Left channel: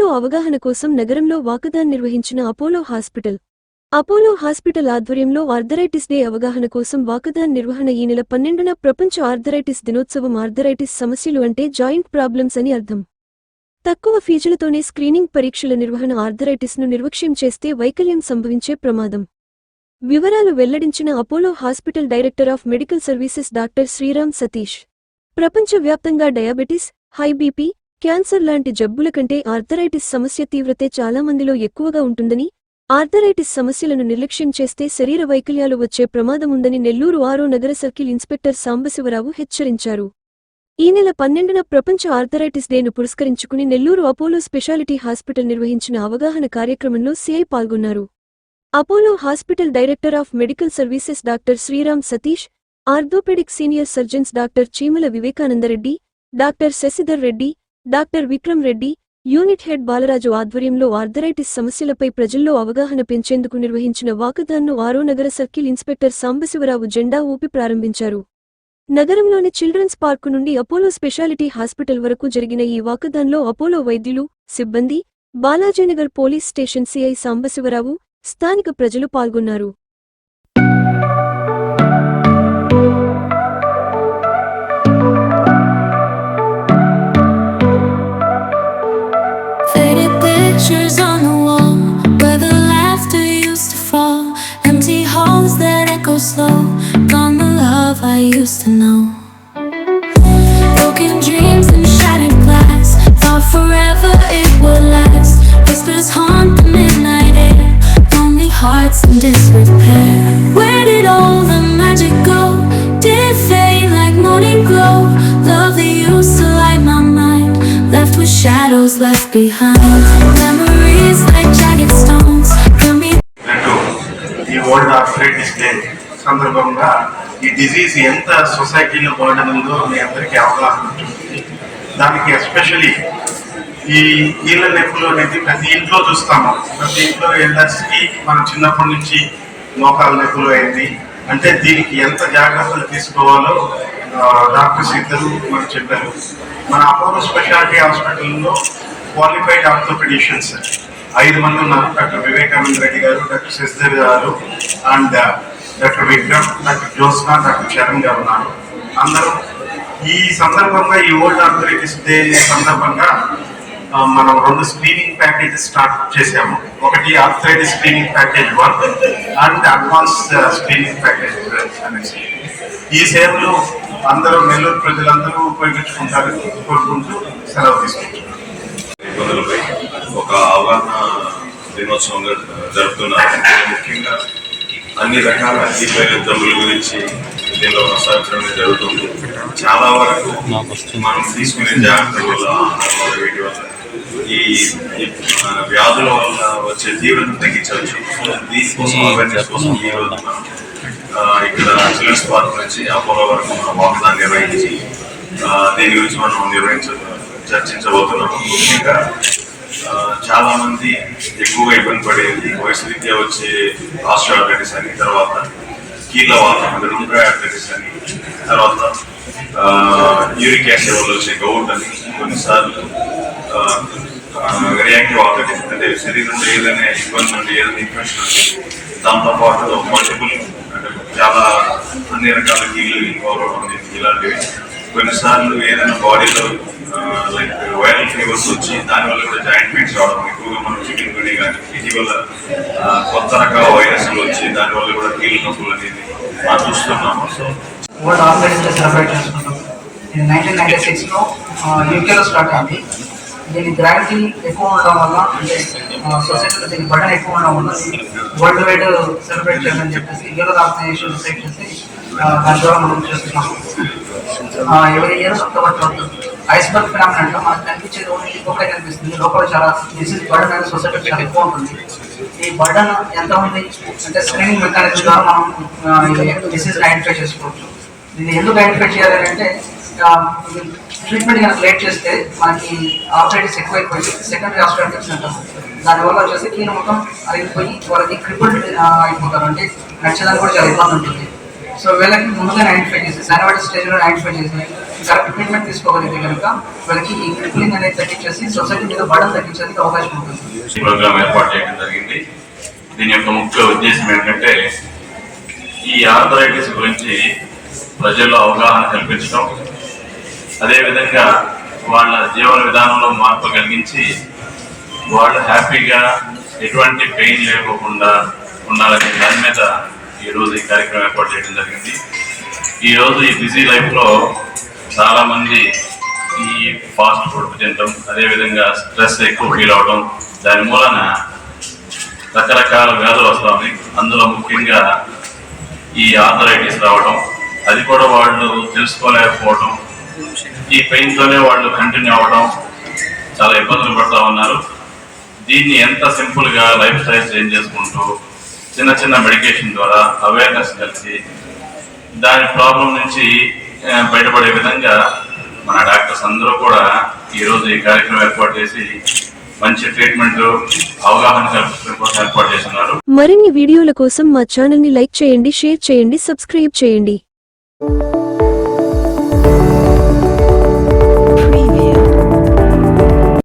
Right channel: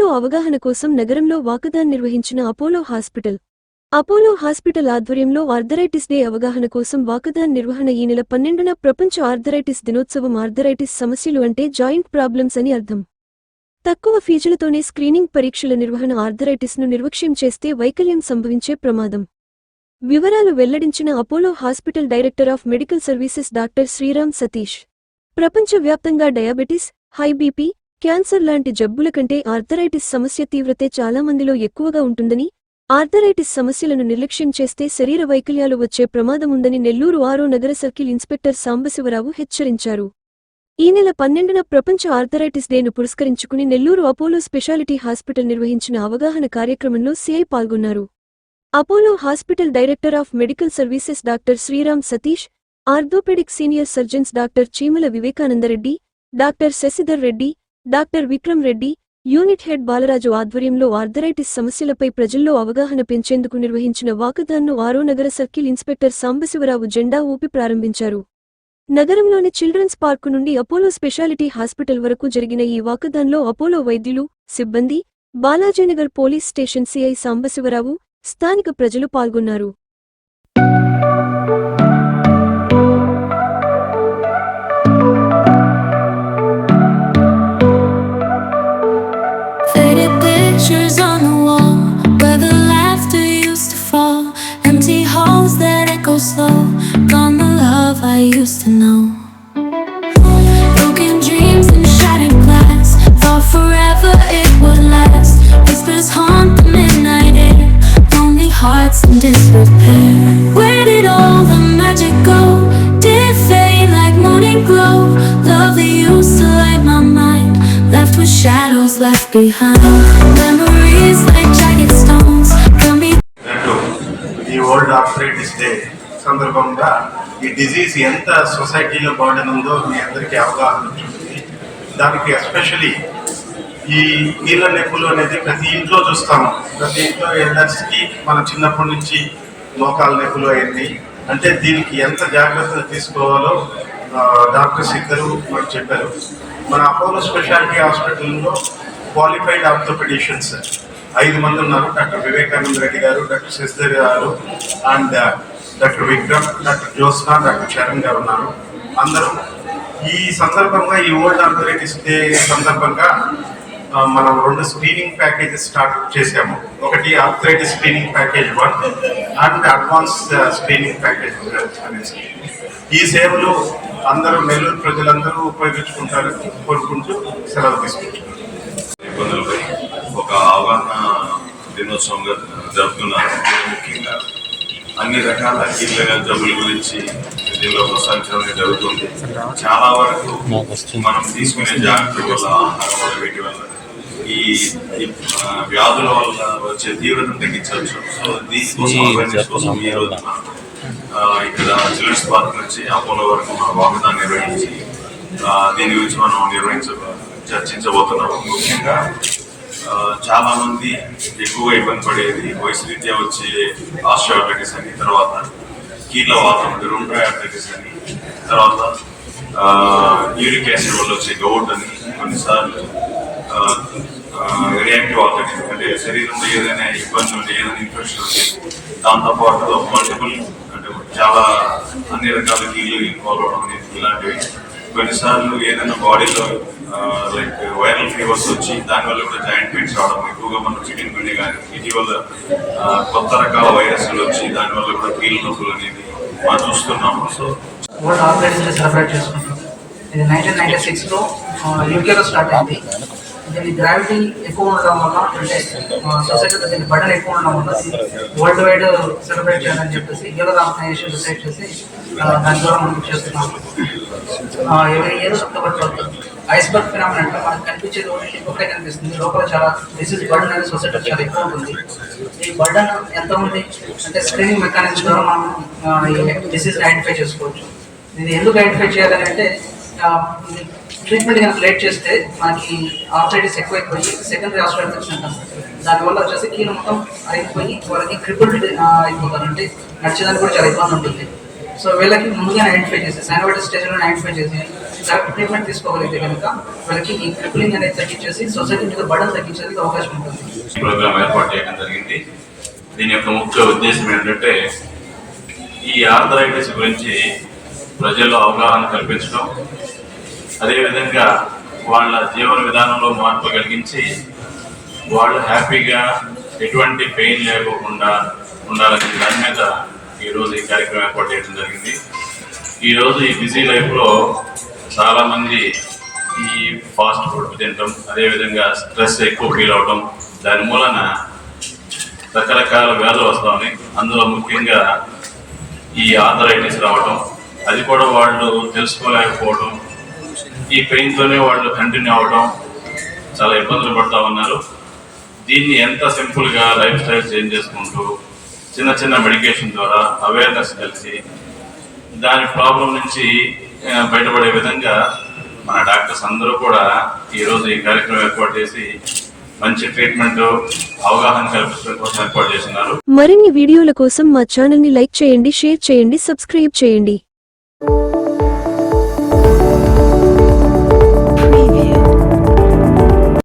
అవగాహన కోసం నగరంలో వాకథాన్ నిర్వహించిన అపోలో హాస్పిటల్. అపోలో హాస్పిటల్ ఆధ్వర్యంలో ఆర్థరైటిస్ డే అవగాహన కోసం వాకథాన్ నిర్వహణ ఈ నెల పన్నెండున ప్రపంచ ఆర్థరైటిస్ దినోత్సవం ఆర్థరైటిస్ సమస్యలు అంటే జాయింట్ ప్రాబ్లమ్స్ అని అర్థం. తక్కువ ఫీజులతోనే స్క్రీనింగ్ పరీక్షల నిర్వహణ ఆర్థరైటిస్ను నిర్వక్ష్యం చేస్తే వైకల్యం సంభవించే ప్రమాదం. వివరాలు వెల్లడించిన Apollo hospital director of medical services doctor Sriram Satish. ప్రపంచవ్యాప్తంగా డయాబెటిస్ హై బీపీ క్యాన్సర్ లాంటి జబ్బుల కంటే ఆర్థరైటిస్ సమస్య తీవ్రతే చాలా మందిలో ఎక్కువగా ఉంటుందని ఆర్థరైటిస్ సమస్యలను నిర్లక్ష్యం చేస్తే శరీర వైకల్యాలు వచ్చే ప్రమాదముందని నెల్లూరు ఆరో నగర సర్కిల్ ఇన్స్పెక్టర్ సాంబశివరావు హెచ్చరించారు. ఈ నెల పన్నెండున ప్రపంచ ఆర్థరైటిస్ డేను పురస్కరించుకుని నెల్లూరు అపోలో స్పెషాలిటీ హాస్పిటల్ నిర్వహించిన అవగాహన కార్యక్రమంలో సిఐ పాల్గొన్నారు. Apollo hospital director of medical services doctor Sriram Satish orthopaedic senior surgeons doctor Cheemala Vivekanandareddy doctor Shashidhar Reddy doctor Vikram Reddy unit head Balaraju ఆధ్వర్యంలో ఆర్థరైటిస్ సమస్యలపై ప్రజల్లో అవగాహన పెంచేందుకు నిర్వహించిన వాకథాన్ను ఆరో నగర సర్కిల్ ఇన్స్పెక్టర్ సాంబశివరావు జెండా ఊపి ప్రారంభించారు. నగరంలోని చిల్డ్రన్స్ పార్కు నుండి అపోలో స్పెషాలిటీ హాస్పిటల్ వరకు జరిగిన ఈ వాకథాన్లో అపోలో వైద్యులు సిబ్బంది Balajinagar police station CI Sambasivarao స్థానిక ప్రజలు పాల్గొన్నారు. Slow. Gone the love I used to know. Broken dreams and shattered glass. Thought forever it would last. Whispers haunt the midnight air. Lonely hearts in disrepair. Where did all the magic go? Did it fade like morning glow? Love that used to light my mind. Left with shadows left behind. Memories సందర్భంగా ఈ disease ఎంత సొసైటీలో burden ఉందో మీ అందరికీ అవగాహన ఉంటుంది. దానికి especially ఈ నీళ్ళ నొప్పులు అనేది ప్రతి ఇంట్లో చూస్తాము. ప్రతి ఇంట్లో ఎల్డర్స్కి మనం చిన్నప్పటి నుంచి మోకాల నెప్పులు అయింది. అంటే దీనికి ఎంత జాగ్రత్తలు తీసుకోవాలో డాక్టర్ డాక్టర్స్ ఇద్దరు మనకు చెప్పారు. మన అపోలో స్పెషాలిటీ హాస్పిటల్లో క్వాలిఫైడ్ ఆర్థోపెడిషియన్స్ ఐదు మంది ఉన్నారు. డాక్టర్ వివేకానంద రెడ్డి గారు డాక్టర్ శశిధర్ గారు and doctor Vikram doctor Jyotsna doctor Charan గారు ఉన్నారు అందరూ ఈ సందర్భంగా ఈ ఓల్డ్ ఆర్థరైటిస్ డే సందర్భంగా మనం రెండు స్క్రీనింగ్ ప్యాకేజెస్ స్టార్ట్ చేసాము ఒకటి arthritis screening package one and advance screening package అనేసి. ఈ సేవలు అందరూ నెల్లూరు ప్రజలందరూ ఉపయోగించుకుంటారు కోరుకుంటూ సెలవు తీసుకుంటున్నారు ఇబ్బందులపై ఒక అవగాహన దినోత్సవంగా జరుపుతున్నారు. ముఖ్యంగా అన్ని రకాల కీలమైన జబ్బుల గురించి దీనిలో ప్రస్తావించడం జరుగుతుంది. చాలా వరకు మనం తీసుకునే జాగ్రత్తల వల్ల వీటి వల్ల ఈ వ్యాధుల వల్ల వచ్చే తీవ్రతను తగ్గించవచ్చు. సో దీనికోసం అవేర్నెస్ కోసం ఈ రోజు ఇక్కడ చిల్డ్రన్స్ పార్క్ నుంచి అపోలో వరకు మనం వాకథాన్ నిర్వహించి దీని గురించి మనం నిర్వహించ చర్చించబోతున్నాము. ముఖ్యంగా చాలామంది చాలా మంది ఎక్కువగా ఇబ్బంది పడేది. వయసు రీత్యా వచ్చే ఆస్ట్రోఆర్థరైటిస్ అని తర్వాత కీళ్ళ వాతం రుండ్రాయ్ అని తర్వాత యూరిక్ యాసిడ్ వల్ల వచ్చే గౌట్ అని కొన్నిసార్లు రియాక్టివ్ ఆర్థరైటిస్ అంటే శరీరంలో ఏదైనా ఇబ్బంది ఉంటే ఏదైనా ఇన్ఫెక్షన్ ఉంటే దాంతోపాటు మల్టిపుల్ అంటే చాలా అన్ని రకాల కీళ్ళు ఇన్వాల్వ్ అవడం ఇలాంటివి. కొన్నిసార్లు ఏదైనా బాడీలో లైక్ వైరల్ ఫీవర్స్ వచ్చి దానివల్ల కూడా జాయింట్ పెయిన్స్ రావడం ఎక్కువగా మనం చికెన్ గుడి కానీ ఇటీవల కొత్త రకాల వైరస్లు వచ్చి దానివల్ల కూడా కీళ్ళ నొప్పులు అనేది మనం చూస్తున్నాము. సో వరల్డ్ ఆర్థరైటిస్ సెలబ్రేట్ చేసుకుంటాం ఇది నైన్టీన్ నైన్టీ సిక్స్లో యూకేలో స్టార్ట్ అయింది. దీని గ్రావిటీ ఎక్కువ ఉండడం వల్ల అంటే సొసైటీలో దీని బటన్ ఎక్కువ ఉండడం వల్ల వరల్డ్ వైడ్ సెలబ్రేట్ చేయాలని చెప్పేసి యూరో ఆర్గనైజేషన్ డిసైడ్ చేసి దాని ద్వారా మనం చేస్తున్నాం. Every year October twelfth iceberg phenomenon అంటే మనకు కనిపించేది ఓన్లీ ఒకటే కనిపిస్తుంది. లోపల చాలా డిసీజ్ బర్డన్ అనేది సొసైటీ చాలా ఎక్కువ ఉంటుంది. ఈ బర్డన్ ఎంతమంది అంటే స్క్రీనింగ్ మెకానిజం ద్వారా మనం డిసీజ్ ఐడెంటిఫై చేసుకోవచ్చు. దీన్ని ఎందుకు ఐడెంటిఫై చేయాలని అంటే ట్రీట్మెంట్ కనుక లేట్ చేస్తే మనకి ఆర్థరైటిస్ ఎక్కువైపోయి సెకండరీ ఆస్ట్రాటిక్స్ అంటాం. దానివల్ల వచ్చేసి కీన మొత్తం అరిగిపోయి వాళ్ళకి క్రిపుల్డ్ అయిపోతారు. అంటే నడిచేదానికి కూడా చాలా ఇబ్బంది ఉంటుంది. సో వీళ్ళకి ముందుగానే ఐడెంటిఫై చేసి సైనవైటిస్ స్టేజ్లో ఐడెంటిఫై చేసి కరెక్ట్ ట్రీట్మెంట్ తీసుకోగలిగితే కనుక వాళ్ళకి ఈ క్రిప్లింగ్ అనేది తగ్గించేసి సొసైటీ మీద బడన్ తగ్గించేందుకు అవకాశం ఉంటుంది. ప్రోగ్రామ్ ఏర్పాటు చేయడం జరిగింది. దీని యొక్క ముఖ్య ఉద్దేశం ఏంటంటే ఈ ఆర్థరైటిస్ గురించి ప్రజల్లో అవగాహన కల్పించడం అదేవిధంగా వాళ్ళ జీవన విధానంలో మార్పు కలిగించి వాళ్ళు హ్యాపీగా ఎటువంటి పెయిన్ లేకోకుండా ఉండాలనే దాని మీద ఈరోజు ఈ కార్యక్రమం ఏర్పాటు చేయడం జరిగింది. ఈరోజు ఈ బిజీ లైఫ్లో చాలామంది ఈ ఫాస్ట్ ఫుడ్ తినడం అదేవిధంగా స్ట్రెస్ ఎక్కువ ఫీల్ అవడం దాని మూలన రకరకాల వ్యాధులు వస్తామని అందులో ముఖ్యంగా ఈ ఆథరైటిస్ రావడం అది కూడా వాళ్ళు తెలుసుకోలేకపోవడం ఈ పెయిన్తోనే వాళ్ళు కంటిన్యూ అవ్వడం చాలా ఇబ్బందులు పడతా ఉన్నారు. దీన్ని ఎంత సింపుల్గా లైఫ్ స్టైల్ చేంజ్ చేసుకుంటూ చిన్న చిన్న మెడికేషన్ ద్వారా అవేర్నెస్ కలిసి దాని ప్రాబ్లం నుంచి బయటపడే విధంగా మన డాక్టర్స్ అందరూ కూడా ఈరోజు ఈ కార్యక్రమం ఏర్పాటు చేసి మంచి ట్రీట్మెంట్ అవగాహన కల్పించడం కోసం ఏర్పాటు చేస్తున్నారు. మరిన్ని వీడియోల కోసం మా ఛానల్ని లైక్ చేయండి షేర్ చేయండి సబ్స్క్రైబ్ చేయండి.